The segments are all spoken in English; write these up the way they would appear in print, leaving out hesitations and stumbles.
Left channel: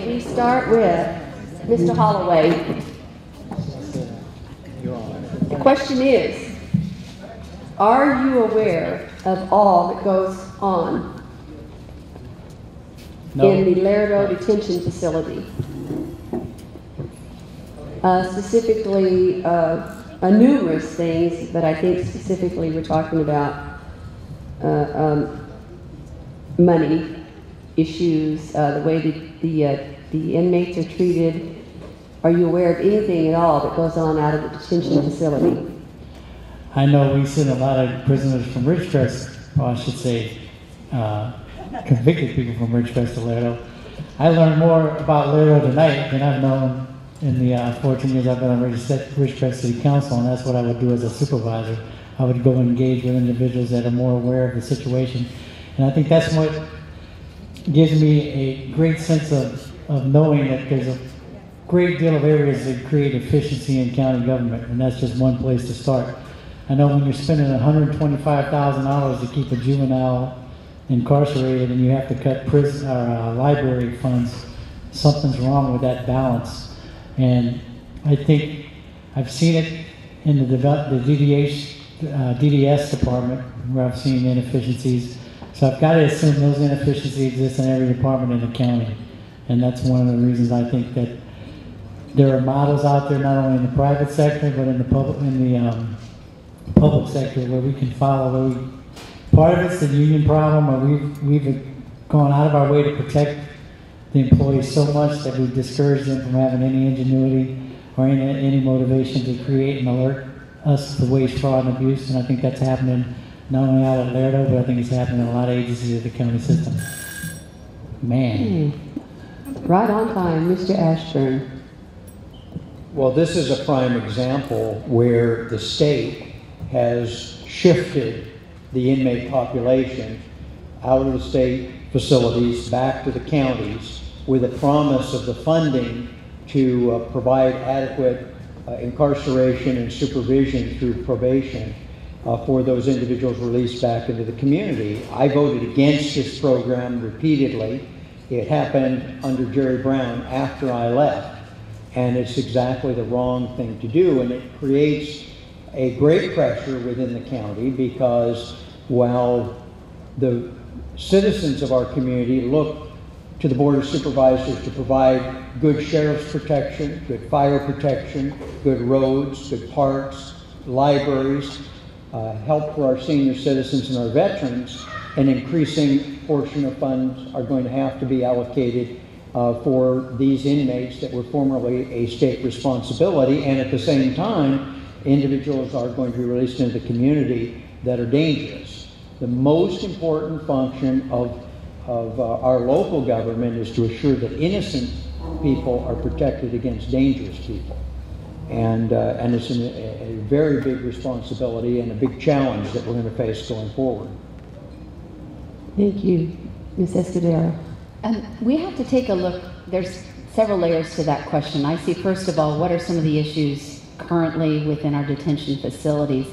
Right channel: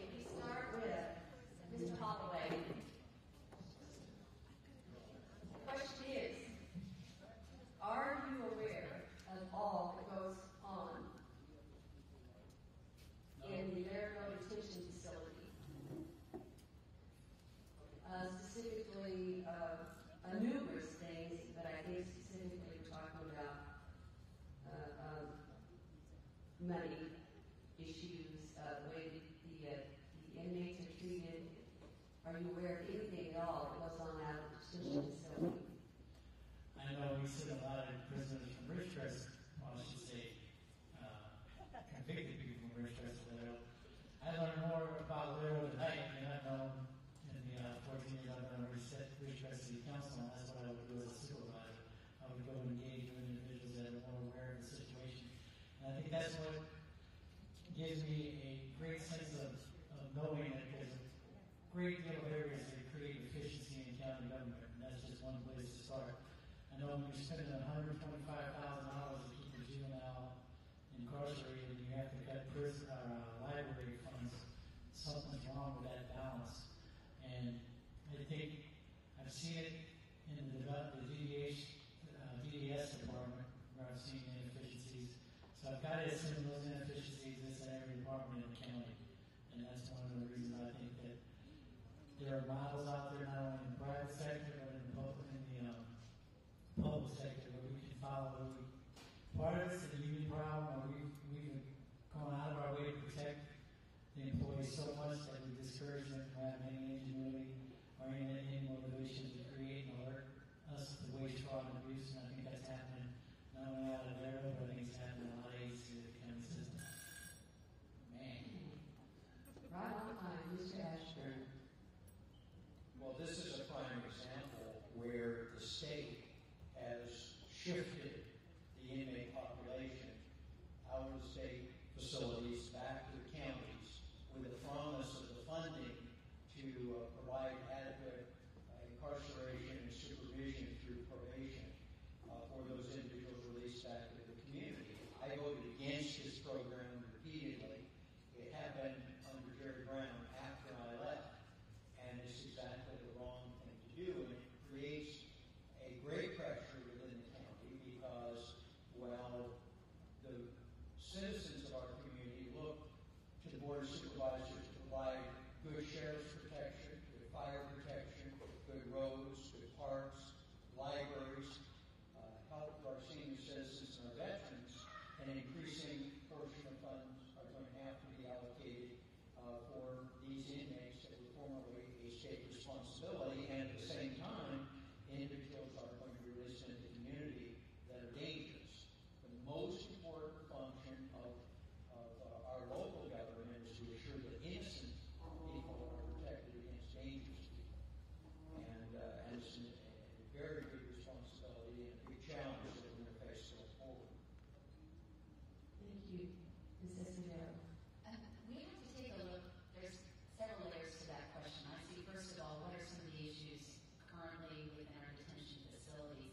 Okay, we start with Mr. Holloway. The question is, are you aware of all that goes on in the Laredo Detention Facility? Specifically, numerous things, but I think specifically we're talking about money issues, the way the inmates are treated. Are you aware of anything at all that goes on out of the detention facility? I know we send a lot of prisoners from Ridgecrest, or I should say, convicted people from Ridgecrest to Laredo. I learned more about Laredo tonight than I've known in the 14 years I've been on Ridgecrest City Council, and that's what I would do as a supervisor. I would go and engage with individuals that are more aware of the situation. And I think that's what gives me a great sense of knowing that there's a great deal of areas that create efficiency in county government, and that's just one place to start. I know when you're spending $125,000 to keep a juvenile incarcerated and you have to cut prison or library funds, something's wrong with that balance. And I think I've seen it in the DDS department where I've seen inefficiencies. So I've got to assume those inefficiencies exist in every department in the county. And that's one of the reasons I think that there are models out there, not only in the private sector, but in the public sector where we can follow. Part of it's the union problem, where we've gone out of our way to protect the employees so much that we've discouraged them from having any ingenuity or any motivation to create and alert us to waste, fraud, and abuse. And I think that's happening not only out of Laredo, but I think it's happening in a lot of agencies of the county system. Man. Right on time, Mr. Ashburn. Well, this is a prime example where the state has shifted the inmate population out of the state facilities back to the counties with a promise of the funding to provide adequate incarceration and supervision through probation for those individuals released back into the community. I voted against this program repeatedly. It happened under Jerry Brown after I left, and it's exactly the wrong thing to do, and it creates a great pressure within the county because while the citizens of our community look to the Board of Supervisors to provide good sheriff's protection, good fire protection, good roads, good parks, libraries, help for our senior citizens and our veterans, an increasing portion of funds are going to have to be allocated for these inmates that were formerly a state responsibility, and at the same time, individuals are going to be released into the community that are dangerous. The most important function of our local government is to assure that innocent people are protected against dangerous people. And it's a very big responsibility and a big challenge that we're going to face going forward. Thank you. Ms. Escudero. We have to take a look. There's several layers to that question. I see, first of all, what are some of the issues currently within our detention facilities?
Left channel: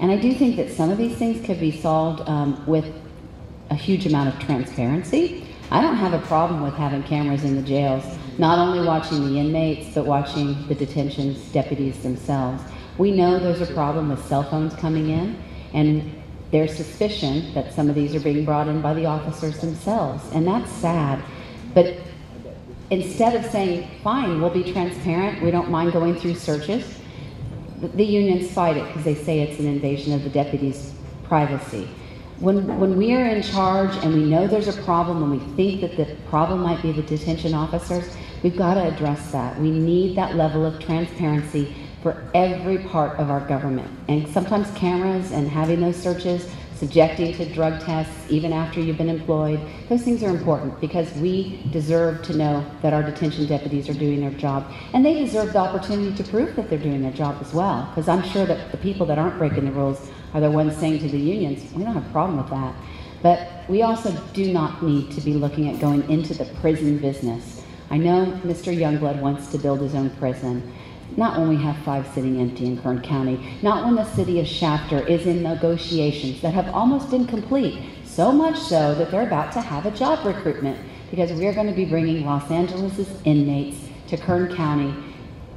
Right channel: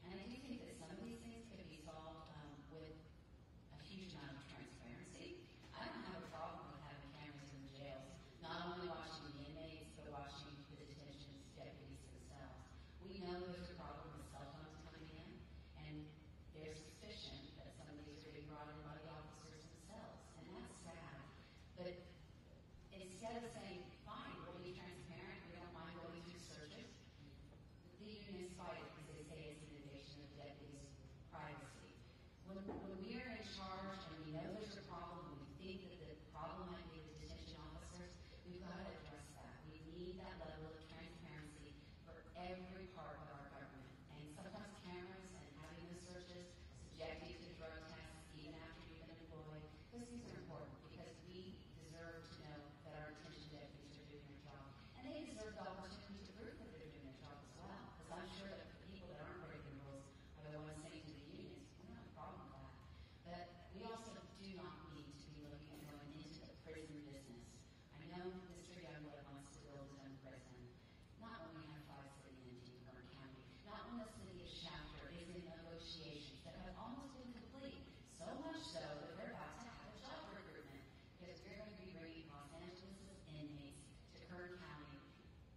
And I do think that some of these things could be solved with a huge amount of transparency. I don't have a problem with having cameras in the jails, not only watching the inmates, but watching the detention deputies themselves. We know there's a problem with cell phones coming in, and there's suspicion that some of these are being brought in by the officers themselves, and that's sad. But instead of saying, fine, we'll be transparent, we don't mind going through searches, the unions fight it because they say it's an invasion of the deputies' privacy. When we are in charge and we know there's a problem and we think that the problem might be the detention officers, we've got to address that. We need that level of transparency for every part of our government. And sometimes cameras and having those searches, subjecting to drug tests even after you've been employed, those things are important because we deserve to know that our detention deputies are doing their job. And they deserve the opportunity to prove that they're doing their job as well, because I'm sure that the people that aren't breaking the rules are the ones saying to the unions, we don't have a problem with that. But we also do not need to be looking at going into the prison business. I know Mr. Youngblood wants to build his own prison. Not when we have 5 sitting empty in Kern County. Not when the city of Shafter is in negotiations that have almost been complete. So much so that they're about to have a job recruitment because we're going to be bringing Los Angeles' inmates to Kern County,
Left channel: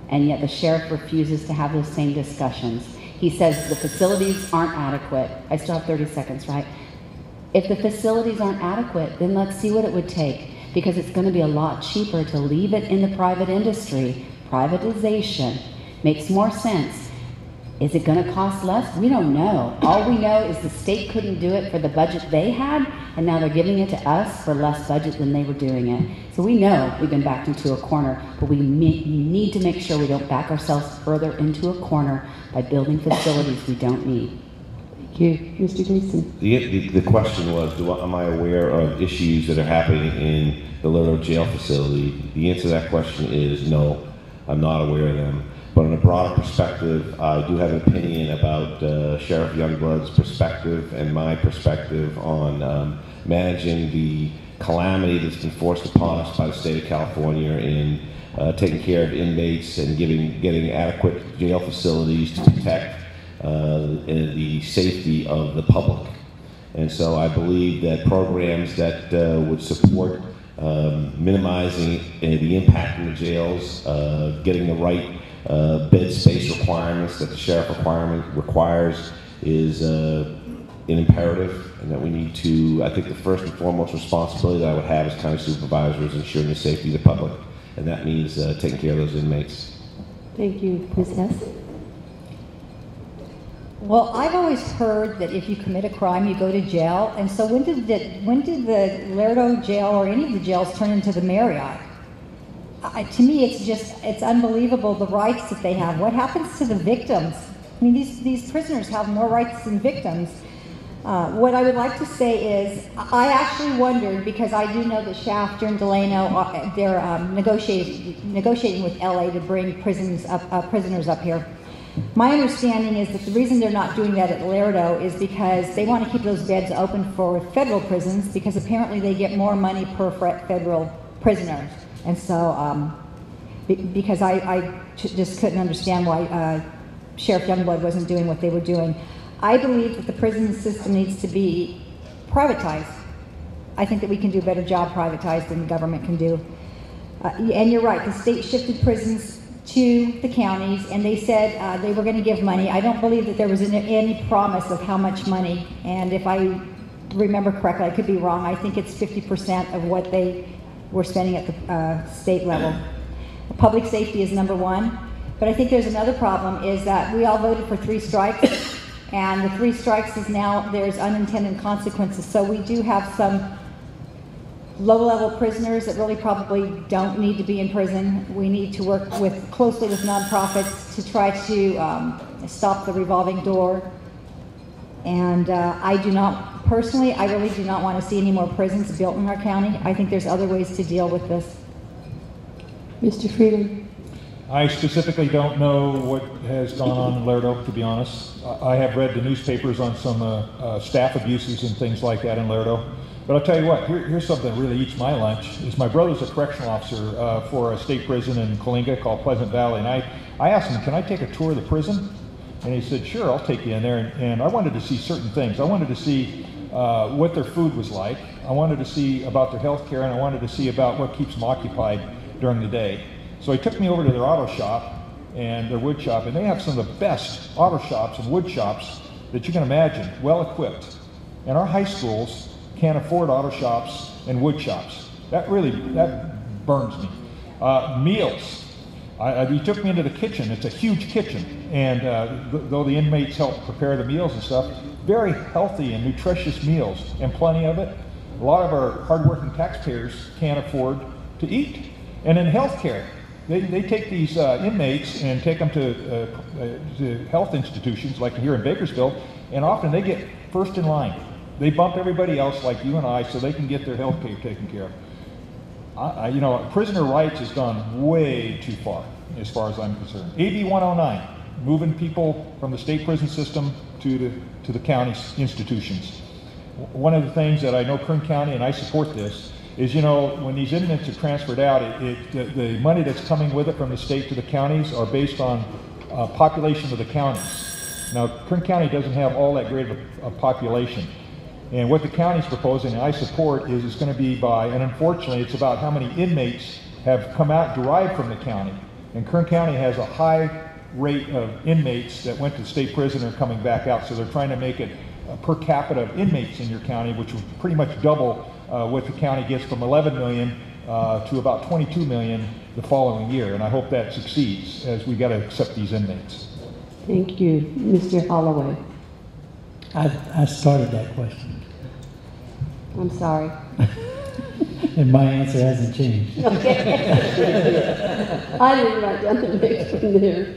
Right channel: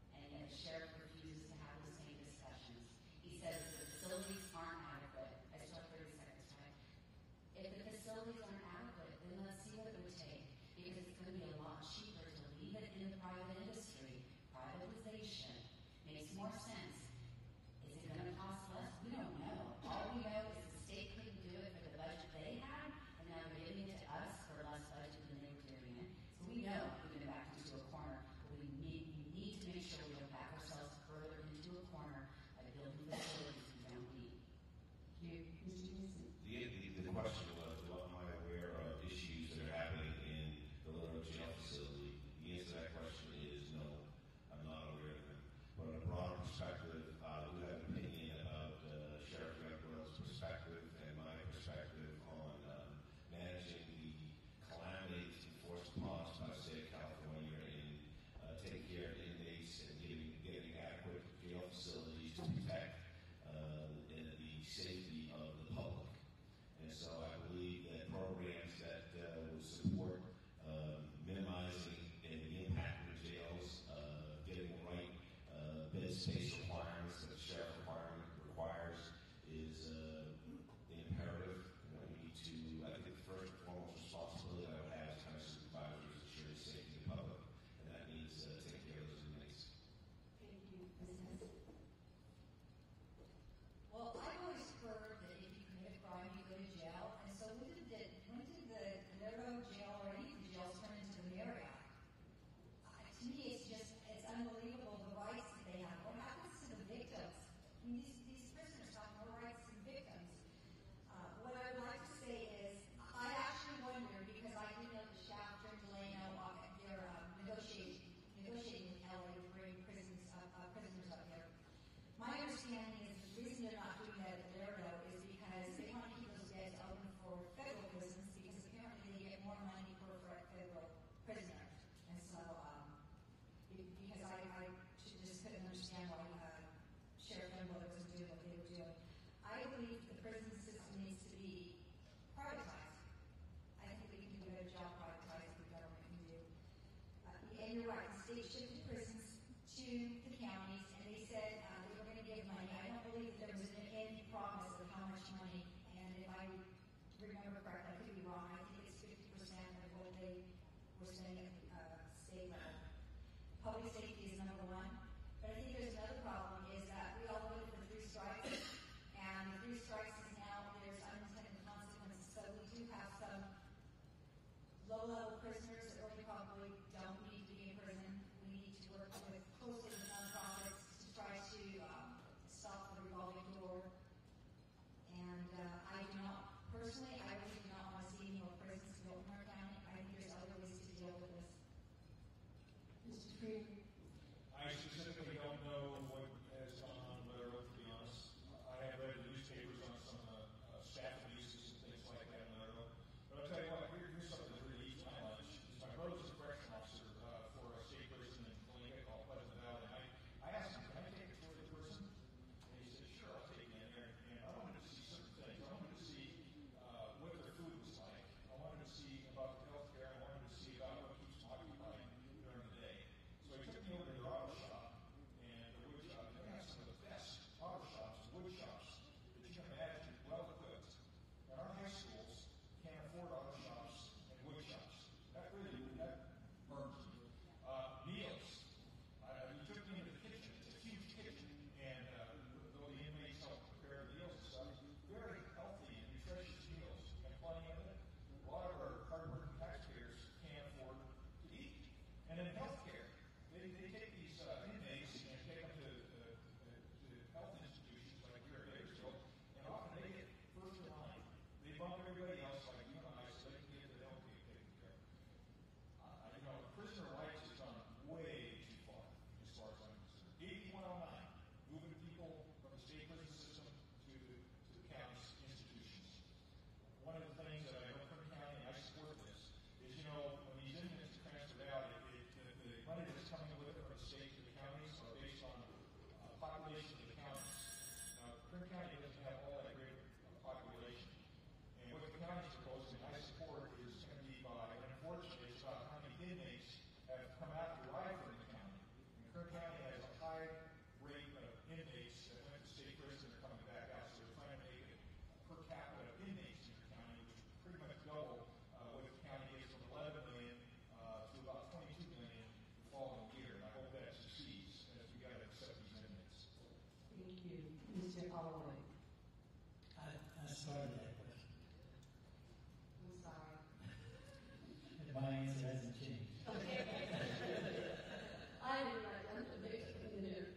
and yet the sheriff refuses to have those same discussions. He says the facilities aren't adequate. I still have 30 seconds, right? If the facilities aren't adequate, then let's see what it would take, because it's going to be a lot cheaper to leave it in the private industry. Privatization makes more sense. Is it going to cost less? We don't know. All we know is the state couldn't do it for the budget they had, and now they're giving it to us for less budget than they were doing it. So we know we've been backed into a corner, but we need to make sure we don't back ourselves further into a corner by building facilities we don't need. Thank you. Mr. Gleason. The question was, am I aware of issues that are happening in the Lerdo jail facility? The answer to that question is no, I'm not aware of them. But in a broader perspective, I do have an opinion about Sheriff Youngblood's perspective and my perspective on managing the calamity that's been forced upon us by the state of California in taking care of inmates and getting adequate jail facilities to protect the safety of the public. And so I believe that programs that would support minimizing the impact in the jails, getting the right bed space requirements that the sheriff requires is an imperative, and that we need to, I think the first and foremost responsibility that I would have as county supervisor is ensuring the safety of the public, and that means taking care of those inmates. Thank you. Ms. Hess? Well, I've always heard that if you commit a crime, you go to jail. And so when did the Lerdo jail or any of the jails turn into the Marriott? To me, it's unbelievable the rights that they have. What happens to the victims? I mean, these prisoners have more rights than victims. What I would like to say is, I actually wondered, because I do know that Shafter and Delano, they're negotiating with LA to bring prisoners up here. My understanding is that the reason they're not doing that at Lerdo is because they want to keep those beds open for federal prisons, because apparently they get more money per federal prisoner. And so, because I just couldn't understand why Sheriff Youngblood wasn't doing what they were doing. I believe that the prison system needs to be privatized. I think that we can do a better job privatized than the government can do. And you're right, the state shifted prisons to the counties, and they said they were going to give money. I don't believe that there was any promise of how much money, and if I remember correctly, I could be wrong, I think it's 50% of what they were spending at the state level. Public safety is number one, but I think there's another problem, is that we all voted for 3 strikes, and the 3 strikes is now there's unintended consequences. So we do have some low-level prisoners that really probably don't need to be in prison. We need to work closely with nonprofits to try to stop the revolving door. And I do not, personally, I really do not want to see any more prisons built in our county. I think there's other ways to deal with this. Mr. Freedom? I specifically don't know what has gone on in Lerdo, to be honest. I have read the newspapers on some staff abuses and things like that in Lerdo. But I'll tell you what, here's something that really eats my lunch. Is my brother's a correctional officer for a state prison in Coalinga called Pleasant Valley. And I asked him, can I take a tour of the prison? And he said, sure, I'll take you in there. And I wanted to see certain things. I wanted to see what their food was like. I wanted to see about their health care, and I wanted to see about what keeps them occupied during the day. So he took me over to their auto shop and their wood shop, and they have some of the best auto shops and wood shops that you can imagine, well equipped. And our high schools can't afford auto shops and wood shops. That burns me. Meals. He took me into the kitchen. It's a huge kitchen, and though the inmates help prepare the meals and stuff, very healthy and nutritious meals, and plenty of it. A lot of our hardworking taxpayers can't afford to eat. And in healthcare, they take these inmates and take them to health institutions like here in Bakersfield, and often they get first in line. They bump everybody else like you and I so they can get their health care taken care of. You know, prisoner rights has gone way too far as I'm concerned. AB 109, moving people from the state prison system to the county's institutions. One of the things that I know Kern County, and I support this, is, you know, when these inmates are transferred out, the money that's coming with it from the state to the counties are based on population of the counties. Now, Kern County doesn't have all that great of a population. And what the county's proposing, and I support, is it's going to be by, and unfortunately, it's about how many inmates have come out derived from the county. And Kern County has a high rate of inmates that went to state prison and are coming back out, so they're trying to make it per capita of inmates in your county, which would pretty much double what the county gets from 11 million to about 22 million the following year. And I hope that succeeds, as we got to accept these inmates. Thank you. Mr. Holloway. I started that question, I'm sorry. and my answer hasn't changed. Okay. I didn't write down the next one there.